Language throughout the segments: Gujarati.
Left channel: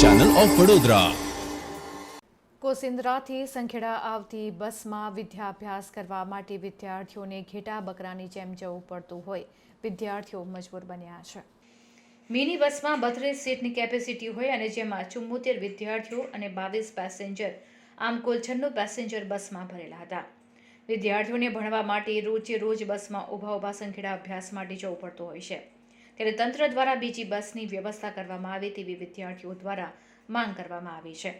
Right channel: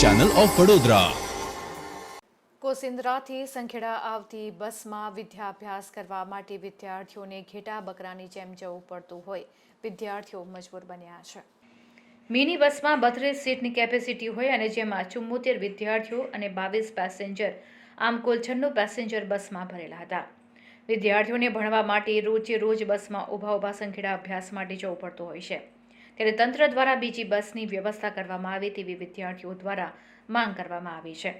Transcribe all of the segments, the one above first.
ચેનલ ઓફ વડોદરા કોસિન્દ્રાથી સંખેડા આવતી બસમાં વિદ્યાભ્યાસ કરવા માટે વિદ્યાર્થીઓને ઘેટા બકરાની જેમ જવું પડતું હોય. વિદ્યાર્થીઓ મજબૂર બન્યા છે. મિની બસમાં બત્રીસ સીટની કેપેસિટી હોય અને જેમાં ચુમ્મોતેર વિદ્યાર્થીઓ અને બાવીસ પેસેન્જર આમ કુલ છન્નું પેસેન્જર બસમાં ભરેલા હતા. વિદ્યાર્થીઓને ભણવા માટે રોજે રોજ બસમાં ઊભા ઊભા સંખેડા અભ્યાસ માટે જવું પડતું હોય છે. ત્યારે તંત્ર દ્વારા બીજી બસની વ્યવસ્થા કરવામાં આવે તેવી વિદ્યાર્થીઓ દ્વારા માંગ કરવામાં આવી છે.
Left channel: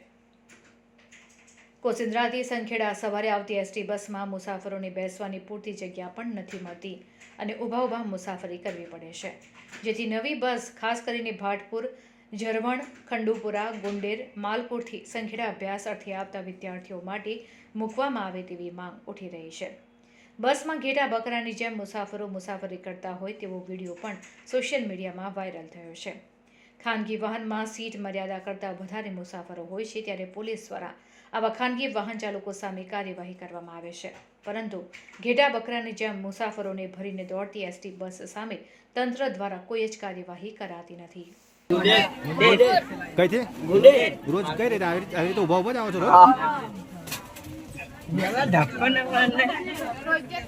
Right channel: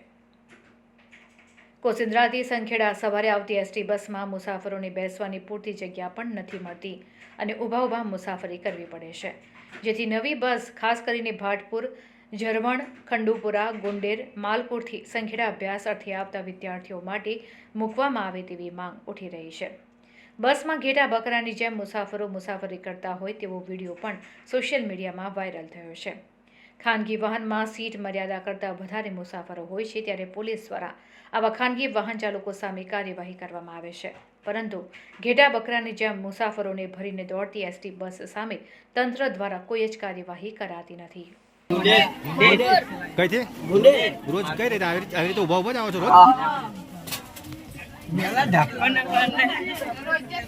કોસિન્દ્રાથી સંખેડા સવારે આવતી એસટી બસમાં મુસાફરોને બેસવાની પૂરતી જગ્યા પણ નથી મળતી અને ઊભા ઊભા મુસાફરી કરવી પડે છે. જેથી નવી બસ, ખાસ કરીને ભાટપુર, ઝરવણ, ખંડુપુરા, ગુંડેર, માલપુરથી સંખેડા અભ્યાસ અર્થે આવતા વિદ્યાર્થીઓ માટે મૂકવામાં આવે તેવી માંગ ઉઠી રહી છે. બસમાં ઘેટા બકરાની જેમ મુસાફરો મુસાફરી કરતા હોય તેવો વીડિયો પણ સોશિયલ મીડિયામાં વાયરલ થયો છે. ખાનગી વાહનમાં સીટ મર્યાદા કરતાં વધારે મુસાફરો હોય છે ત્યારે પોલીસ દ્વારા આવા ખાનગી વાહન ચાલકો સામે કાર્યવાહી કરવામાં આવે છે. પરંતુ ઘેટા બકરાની જેમ મુસાફરોને ભરીને દોડતી એસટી બસ સામે તંત્ર દ્વારા કોઈ જ કાર્યવાહી કરાતી નથી. કઈથી? રોજ કઈ રીતે આવી રીતે ઊભા ઊભા જ આવો છો રોજ? મેલા ઢાપવાના.